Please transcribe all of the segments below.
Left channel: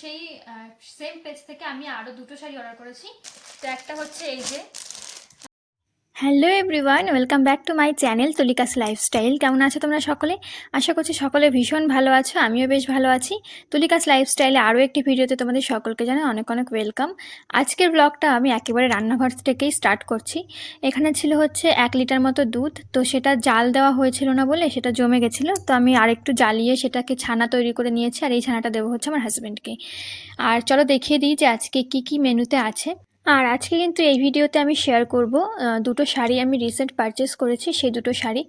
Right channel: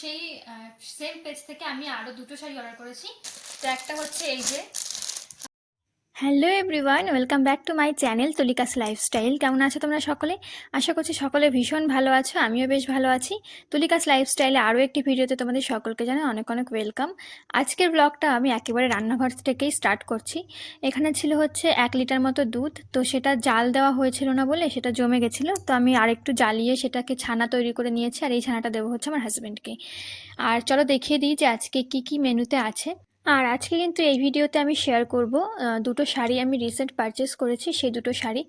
সেই same page থেকে আমি আরও দুটো শাড়ি অর্ডার করেছি। তো একটা হচ্ছে এই যে hello everyone, welcome back to my channel Tulika's lifestyle. কেমন আছো তোমরা সকলে? আশা করছি সকলে ভীষণ ভালো আছো, আমিও বেশ ভালো আছি। তুলিকাস লাইফস্টাইলে আরও একটি ভিডিওতে তোমাদের সকলকে জানাই অনেক অনেক ওয়েলকাম। আজকের ব্লগটা আমি একেবারে রান্নাঘর থেকেই স্টার্ট করছি। এখানে ছিল হচ্ছে এক লিটার মতো দুধ, তো সেটা জাল দেওয়া হয়েছিল না বলে সেটা জমে গেছিল। তো আমি আরেকটু জ্বালিয়ে সেটাকে ছানা তৈরি করে নিয়েছি, আর এই ছানাটা দেবো হচ্ছে আমার হাজব্যান্ডকে আর চলো দেখিয়ে দিই যে আজকে কী কী মেনুতে আছে। আর আজকে কিন্তু এই ভিডিওতে আমি শেয়ার করব দুটো শাড়ি আমি রিসেন্ট পারচেস করেছি, সেই দুটো শাড়ি।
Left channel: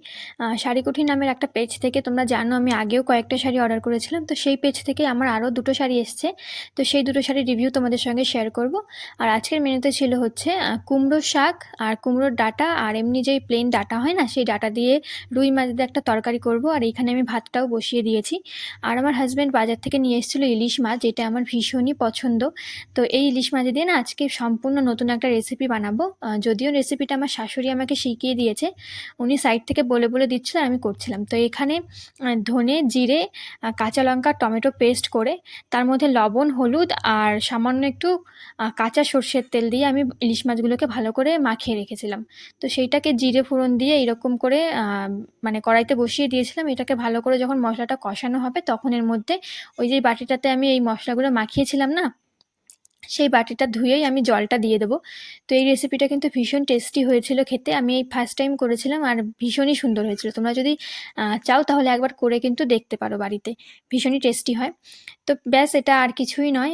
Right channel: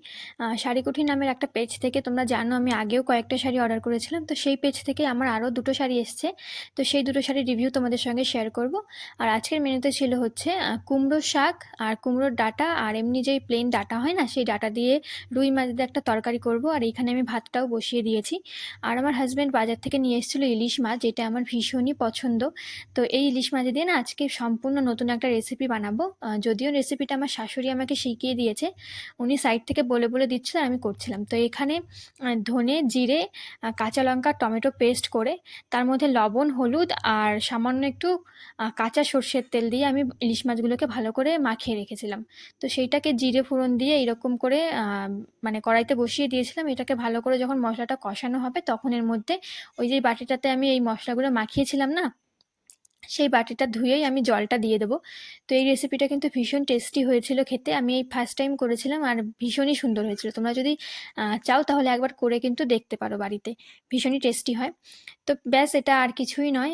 শাড়ি কুঠি নামের একটা পেজ থেকে, তোমরা জানো আমি আগেও কয়েকটা শাড়ি অর্ডার করেছিলাম, তো সেই পেজ থেকে আমার আরও দুটো শাড়ি এসছে। তো সেই দুটো শাড়ির রিভিউ তোমাদের সঙ্গে শেয়ার করব। আর আজকের মেনুতে ছিল হচ্ছে কুমড়ো শাক আর কুমড়োর ডাটা, আর এমনি যেই প্লেন ডাটা হয় না, সেই ডাটা দিয়ে রুই মাছ দিয়ে একটা তরকারি করব, আর এইখানে আমি ভাতটাও বসিয়ে দিয়েছি। আর আমার হাজব্যান্ড বাজার থেকে নিয়ে এসেছিল ইলিশ মাছ, যেটা আমার ভীষণই পছন্দ। তো এই ইলিশ মাছ দিয়ে না আজকে সম্পূর্ণ নতুন একটা রেসিপি বানাবো। যদিও রেসিপিটা আমার শাশুড়ি আমাকে শিখিয়ে দিয়েছে। উনি সাইড থেকে বলে বলে দিচ্ছিল আমি করছিলাম। তো এখানে ধনে, জিরে কাঁচা লঙ্কা, টমেটো পেস্ট করে, তার মধ্যে লবণ, হলুদ আর সামান্য একটু কাঁচা সর্ষের তেল দিয়ে আমি ইলিশ মাছগুলোকে ভালো করে মাখিয়ে রেখেছিলাম। তো সেইটাকে জিরে ফোড়ন দিয়ে এরকম করে মানে কড়াইতে বসিয়ে দিয়েছিলাম। এটাকে ভালো করে যখন মশলাটা কষানো হবে, তখন এর মধ্যে ওই যে বাটিটাতে আমি এই মশলাগুলো মাখিয়েছিলাম না সেই বাটিটা ধুয়েই আমি জলটা দিয়ে দেবো। তো এই রেসিপিটা কিন্তু ভীষণ টেস্টি হয়েছিল খেতে। আমি এই ফার্স্ট টাইম করেছিলাম আর ভীষণই সুন্দর হয়েছিল। তোমরা যদি চাও তাহলে একবার করে কিন্তু দেখতে পারো বাড়িতে। ভীষণই টেস্টি হয়। তো ব্যাস, এটা আর কিছুই নয়।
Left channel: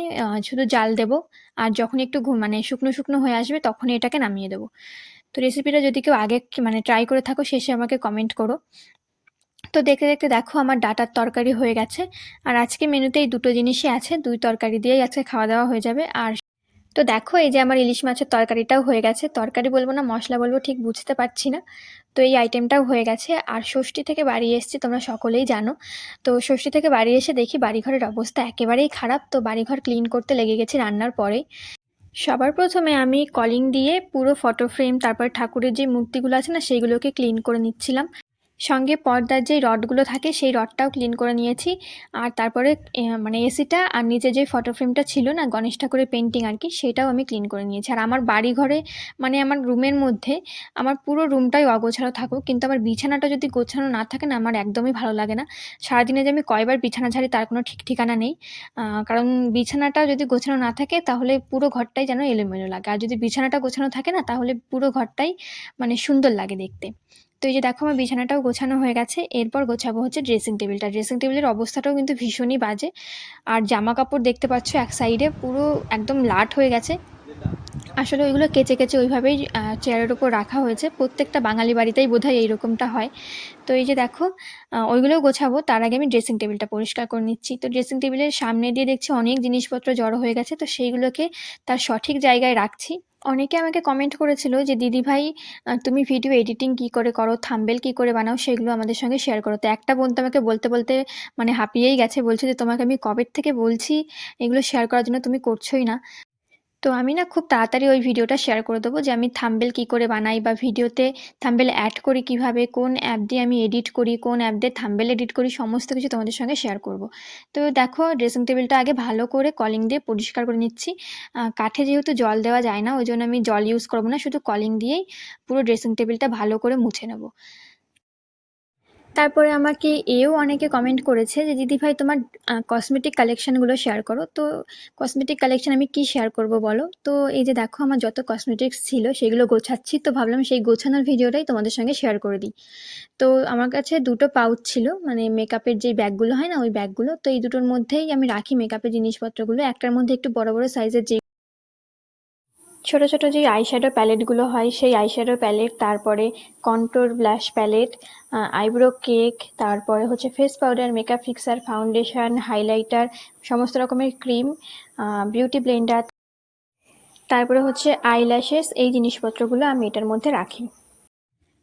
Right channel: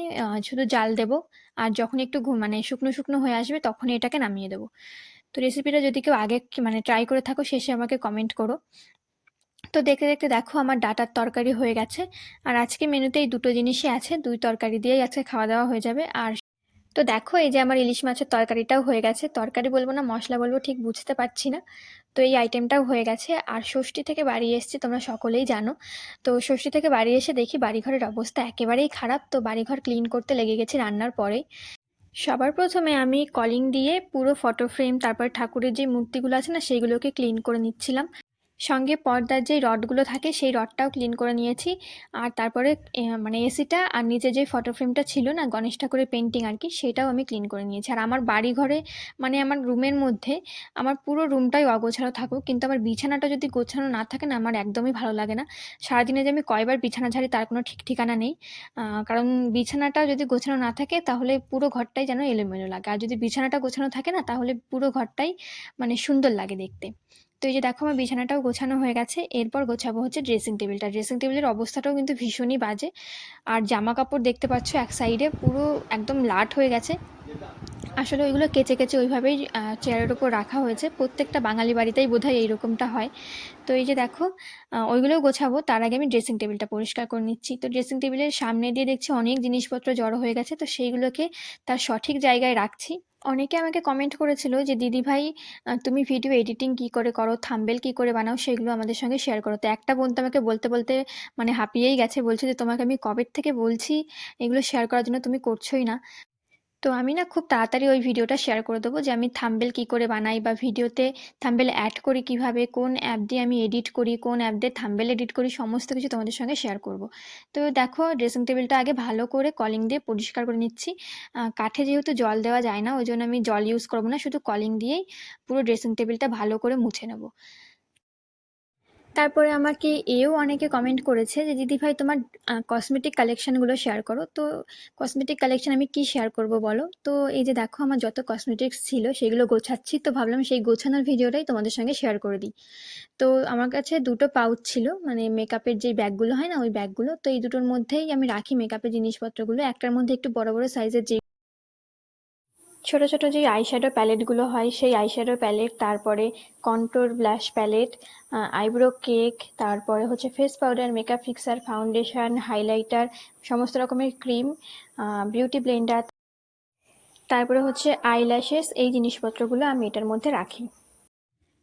শুধু জাল দেবো। আর যখন একটু মানে শুকনো শুকনো হয়ে আসবে তখন এটাকে নামিয়ে দেবো। তো রেসিপিটা যদি কেউ আগে মানে ট্রাই করে থাকো, শেষে আমাকে কমেন্ট করো। তো দেখতে দেখতে দেখো আমার ডাটার তরকারি হয়ে গেছে। আর আজকে মেনুতে এই দুটো জিনিসই আছে, দুই তরকারি দিয়েই আজকে খাওয়া দাওয়া হয়ে যাবে। আর তো দেখো, এই যে আমার ইলিশ মাছের তরকারিটাও হয়ে গেছে। তরকারি বলব না, মশলা বলব, ঠিক বুঝতে পারছি না। তো এই আইটেমটাও হয়ে গেছে। আর ষষ্ঠী থেকে বাড়ি এসেছি, তোমরা সকলেই জানো। তো ষষ্ঠী থেকে বাড়ি এসে দেখি বাড়িঘরের অবস্থা একেবারেই খারাপ। তো বাড়িঘর ক্লিন করতে লেগে গেছি রান্নার পরেই সবার প্রথমে আমি কলিং দিয়ে পুরো ফটো ফ্রেম তারপর ঠাকুরের যে মূর্তিগুলো আছে না, সেইগুলোকে ক্লিন করে নিচ্ছিলাম। সঙ্গে পর্দার যে রডগুলো থাকে, সেই রডটাও ক্লিন করে নিয়েছি। আর তারপরে মানে এসিটা আর নিচে যে ফটো ফ্রেমটা ছিল না, গণেশ ঠাকুরের পেন্টিং আর কি, সেটাও আমি ক্লিন করে নিয়েছি। আর আমার বাড়ি ঘরে মানে আমার রুমের মধ্যে, আমার পুরো রুমটাই অগোছালো থাকুক, কিন্তু আমার বিছানাটা যদি গোছানো না থাকে না, আমার একদমই ভালো লাগে না। সারাদিনে যে আমি কয়বার বিছানা ঝাড়ি, তার কোনো ঠিক ঠিকানা নেই। কারণ বিছানাটা যদি গোছানো না থাকে, তাহলে পুরো ঘরটাই যেন এলোমেলো লাগে। আর যদি বিছানাটা গোছানো থাকে না, তাহলে পুরো ঘরটাই মানে সুন্দর লাগে দেখতে। তো এই যে দেখো আমার বিছানাটাও গোছানো হয়ে গেছে, এরপর গোছাবো হচ্ছে ড্রেসিং টেবিলটা ড্রেসিং টেবিলের অবস্থাটাও কিন্তু ভীষণই বাজে। আর জামা কাপড় দেখতে পাচ্ছ এক সাইডে পুরো একদম লাট হয়ে গেছে। আসলে ওইগুলো কেচে কেচে ওইভাবেই চেয়ারের উপর রাখা হয়েছে। প্রত্যেকটা বাঙালি বাড়িতেই বোধহয় এইরকমটা হয়। তো এই যে দেখো ওইগুলোও গোছাবো। তার আগে আমি ড্রেসিং টেবিলটা পরিষ্কার করে নিচ্ছি। তো ড্রেসিং টেবিলের সামনে দিয়ে দেখছি অনেক জিনিসপত্র জড়ো হয়ে গেছে। তো সেইগুলোকে তার সঠিক জায়গায় রাখছি। অনেকে আমাকে কমেন্ট করেছিল যে, দিদি ভাই তুমি ভিডিও এডিটিং কি করে করো? থাম্বেল কি করে বানাও? সেগুলো আমাদের সঙ্গে শেয়ার করো। তো একটা বোন আমাকে বলতে বলতে মানে হাঁপিয়েই গেছে। বলছে যে, তোমাকে আমি কবের থেকে বলছি? এগুলো শেয়ার করার জন্য তুমি করছোই না। তো আমি না খুব তাড়াতাড়ি ওই ভিডিওটা শেয়ার করে দেবো যে আমি থাম্বেল কী করে বানাই বা ভিডিওতে থাম্বেল অ্যাড করি কীভাবে, কোন অ্যাপ দিয়ে আমি এডিট করি, কোন অ্যাপ দিয়ে থাম্বেল এডিট করি, সমস্ত কিছু তোমাদের সঙ্গে শেয়ার করব। তো দেখো ড্রেসিং টেবিলটা আগে ভালো করে কলিং দিয়ে পরিষ্কার করে নিচ্ছি। কাঠে যেহেতু জল দেওয়া যায় না, ওই জন্য আমি জল ইউজ করব না, শুধু কলিং দিয়েই পুরো ড্রেসিং টেবিলটা ভালো করে মুছে নেব। তারপরে আমাকে এও অনেকে কমেন্ট করেছে যে, দিদি ভাই, তোমার কসমেটিক কালেকশানগুলো শেয়ার করো। তো কসমেটিক কালেকশান আমি কি শেয়ার করব বলো? তো এই যে দেখো, আমার যত কসমেটিক্স ছিল সেগুলো গোছাচ্ছি। তো ভাবলাম সেই গোছানোর ভিডিওটাই তোমাদের সঙ্গে শেয়ার করে দিই। তো আমার কাছে দুটো পাউচ ছিল মানে মেকআপের যে ব্যাগগুলো হয় না, ওই ব্যাগগুলো তো এই দুটোর মধ্যেই আমি রাখি মেকআপের জিনিসপত্রগুলো। একটার মধ্যে একটু বড় বড় সাইজের যে ছোট ছোট যে আইশ্যাডো প্যালেটগুলো হয়, সেই আইশ্যাডো প্যালেট তারপরে contour blush palette eyebrow cake তারপরে হচ্ছে face powder makeup fixer foundation highlighter সমস্ত রকমের ক্রিম বিউটি ব্লেন্ডার তারপরে হচ্ছে আইল্যাশেস এই জিনিসপত্রগুলো আমি এটার মধ্যে রাখি।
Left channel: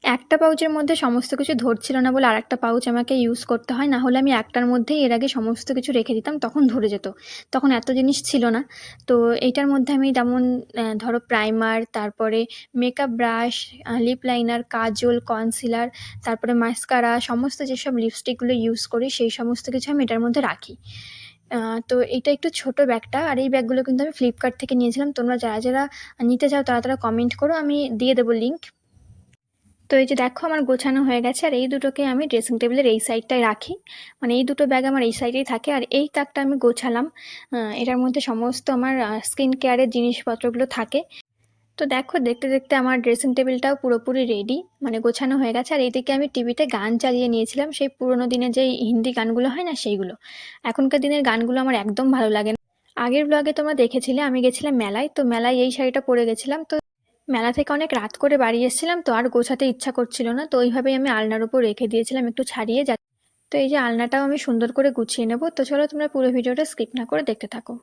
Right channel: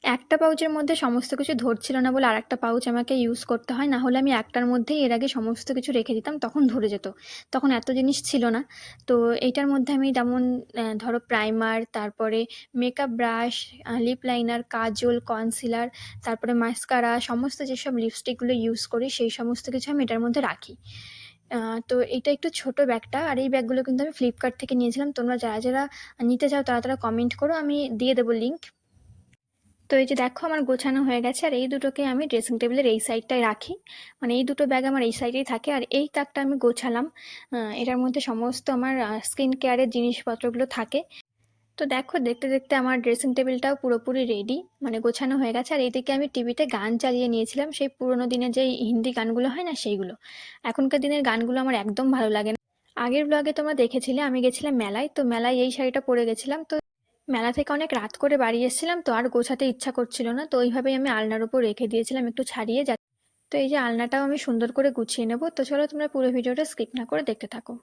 একটা পাউচের মধ্যে সমস্ত কিছু ধরছিল না বলে আরেকটা পাউচ আমাকে ইউজ করতে হয়, না হলে আমি একটার মধ্যেই এর আগে সমস্ত কিছু রেখে দিতাম, তখন ধরে যেত। তখন এত জিনিস ছিল না। তো এইটার মধ্যে আমি যেমন ধরো প্রাইমার তারপরে makeup brush lip liner kajal concealer তারপরে মাস্কারা সমস্ত যেসব লিপস্টিকগুলো ইউজ করি, সেই সমস্ত কিছু আমি এটার মধ্যে রাখি। তো এটা একটু ছোট ব্যাগটা আর এই ব্যাগগুলো কিন্তু আমি ফ্লিপকার্ট থেকে নিয়েছিলাম। তোমরা যারা যারা নিতে চাও তারা তারা কমেন্ট করো, আমি দিয়ে দেবো লিঙ্ক তো এই যে দেখো আমার গোছানো হয়ে গেছে, আর এই দুটোকে আমি ড্রেসিং টেবিলের এই সাইডটায় রাখি। মানে এই দুটো ব্যাগ আমার এই সাইডেই থাকে, আর এই তাকটা আমি গোছালাম। এটার মধ্যে সমস্ত আমার স্কিন কেয়ারের জিনিসপত্রগুলো থাকে। তো দেখো, দেখতে দেখতে আমার ড্রেসিং টেবিলটাও পুরোপুরি রেডি মানে গোছানো হয়ে গেছে। আর এইদিকে আমি টিভিতে গান চালিয়ে নিয়েছিলাম, সেই পুরোনো দিনের যে হিন্দি গানগুলো হয় না সেইগুলো। এখনকার দিনের গানগুলো আমার একদম ভালো লাগে না। আগের ব্লগে তোমরা দেখেছিলে, আমি গেছিলাম মেলায়, তো মেলায় এই শাড়িটা পরে গেছিলাম, তো মেলা থেকে অনেক রাত করে বাড়ি এসেছিলাম তো আর গোছাতে ইচ্ছা করছিল না, তো ওইভাবেই আমি আলনার উপর রেখে দিয়েছিলাম একটু ছাড়িয়ে যা তো এই যে আলনাটাও আমি সুন্দর করে গুছিয়ে নেব, তো চলো তোমরা পুরো ভিডিওটা স্কিপ না করে দেখতে থাকো।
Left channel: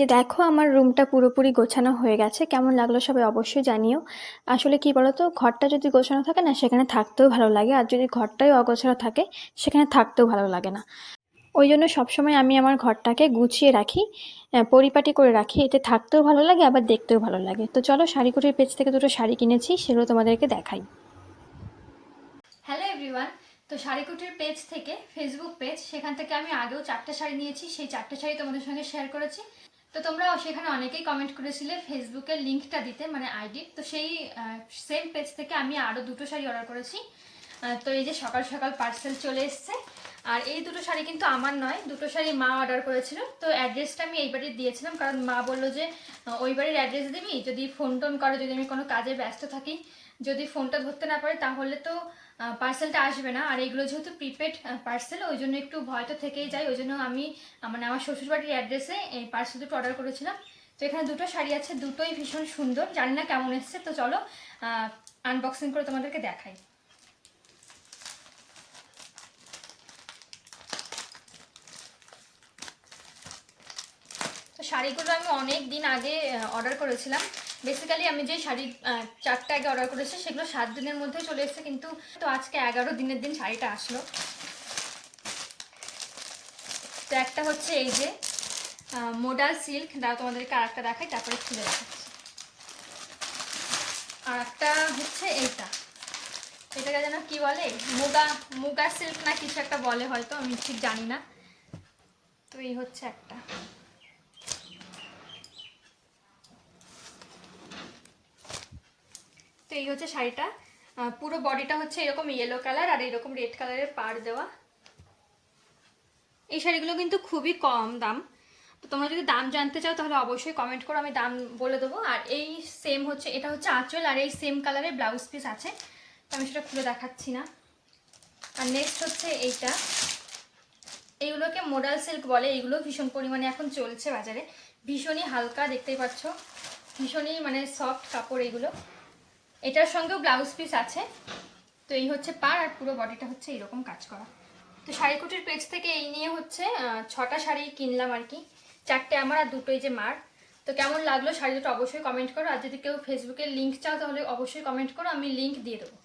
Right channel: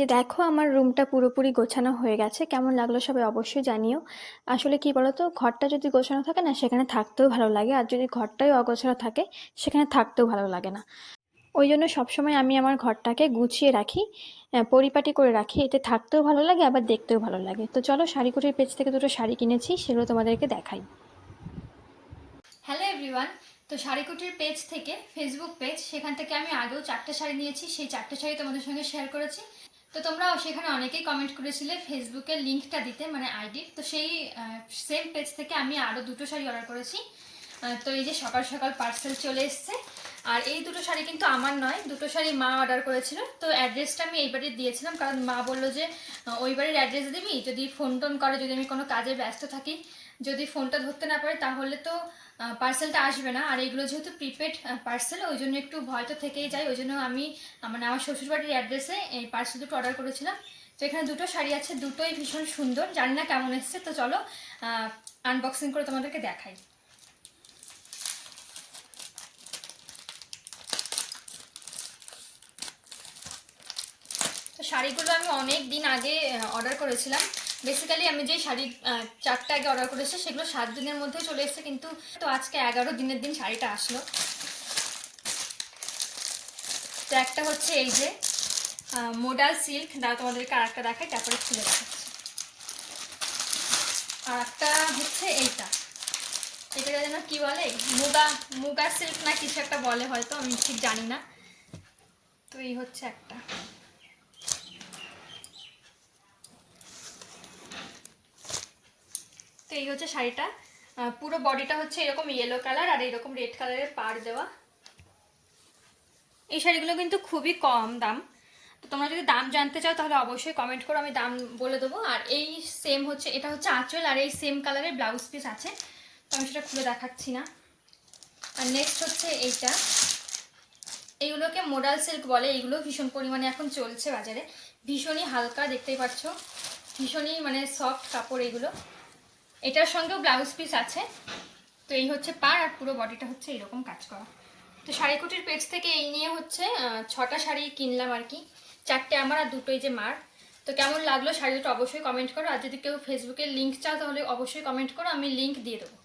যে দেখো আমার রুমটা পুরোপুরি গোছানো হয়ে গেছে। কেমন লাগল সবাই অবশ্যই জানিও। আসলে কি বলতো, ঘরটা যদি গোছানো থাকে না, সেখানে থাকতেও ভালো লাগে। আর যদি ঘরটাই অগোছানো থাকে, সেখানে থাকতেও ভালো লাগে না। ওই জন্য সবসময় আমি আমার ঘরটাকে গুছিয়ে রাখি পরিপাটি করে রাখি। এতে থাকতেও ভালো লাগে, আবার দেখতেও ভালো লাগে। তো চলো শাড়িকুটির পেজ থেকে দুটো শাড়ি কিনেছি, সেগুলো তোমাদেরকে দেখাই। হ্যালো এভরিওয়ান তো শাড়িকুটির পেজ থেকে ফেসবুক পেজ সেখান থেকে আমি আগেও চারটে শাড়ি নিয়েছি। সেই চারটে শাড়ি তোমাদের সঙ্গে শেয়ার করেছি। তো তোমরা সেখানে অনেকেই কমেন্ট করেছিলে ফেসবুকের লিঙ্কটা দিতে মানে আইডি তো সেই সেম পেজ থেকে আমি আরও দুটো শাড়ি অর্ডার করেছি। তো এই যে সকাল সকাল পার্সেল চলে এসছে। আর এই দুটো শাড়ি কিন্তু আমার নয়, দুটো শাড়ি মা অর্ডার করেছিল। তো অ্যাড্রেসটা আমি এই দিয়েছিলাম, কারণ মা বলল যে ওই বাড়ির অ্যাড্রেস দিবি? যদি ফোন টোন করে, যদি আমি কোনো কাজে ব্যস্ত থাকি, যদি ফোনটা ধরতে না পারি, তাহলে তো পার্সেলটা আসবে না। আর এগুলো যেহেতু প্রিপেড পার্সেল ওই জন্য একটু ভয় তো থেকেই যায়। ওই জন্য আমি মানে আমার শ্বশুরবাড়ির অ্যাড্রেসে এই পার্সেল দুটো অর্ডার করেছিলাম। তো এখানে দুটো শাড়ি আছে, দুটোই ভীষণ সুন্দর। জানি না কেমন এসছে, তো চলো আনবক্সিং করে তোমাদেরকে দেখাই। তো শাড়িগুলো আমি অনেক দিন আগে অর্ডার করেছিলাম। বেসিক্যালি আমি যে শাড়ি চারটে আগে অর্ডার করেছি, সেগুলো সাত দিনের মধ্যে চলে এসেছে, কিন্তু তো আজকে এগারো দিনের দিন শাড়িটা আসলো। তো একটা হচ্ছে এই যে মোডাল সিল্ক দাও তোমাদেরকে আর একটা দেখাই, তারপরে খুলে দেখাচ্ছি। আর একটা হচ্ছে এইটা। এটাকে যেন কি বলে? মুগা মুগা সিল্ক না কিছু একটা বলে হয়তো, আমি ঠিক জানি না। তো এই হচ্ছে একটা। তো এই হচ্ছে শাড়িটা। পুরো বডিটা হচ্ছে এরকম ইয়েলো কালার আর এরকম রেড কালারের পাড় দেওয়া। এই শাড়িগুলো কিন্তু খুবই কম দাম। তো তোমরা যদি দাম জানতে চাও তাহলে অবশ্যই কমেন্ট করো, আমি দাম বলে দেবো। আর এই সেম হচ্ছে, এটা হচ্ছে আঁচল আর এই সেম কালারের ব্লাউজ পিস আছে। তো আমি সেটা খুলে দেখাচ্ছি না। আর নেক্সট হচ্ছে এইটা। এইগুলোকে মোডাল সিল্ক বলে, এইগুলো ভীষণ পরিমাণে এখন চলছে বাজারে। ভীষণই হালকা, দেখতেই পাচ্ছ। ভীষণই মানে সফট কাপড় এইগুলো। এটার সঙ্গেও ব্লাউজ পিস আছে। তো এই হচ্ছে পার আর পুরো বডিটা হচ্ছে এরকম কাজ করা। তো শাড়িকুটির পেজ থেকে এই নিয়ে হচ্ছে ছটা শাড়ি কিনলাম আর কি। চারটে আমার আর দুটোই যে মার। তো কেমন লাগল শাড়ি দুটো অবশ্যই কমেন্ট করো। আর যদি কেউ ফেসবুকের লিঙ্ক চাও তাহলে অবশ্যই কমেন্ট করো। আমি লিঙ্ক দিয়ে দেবো।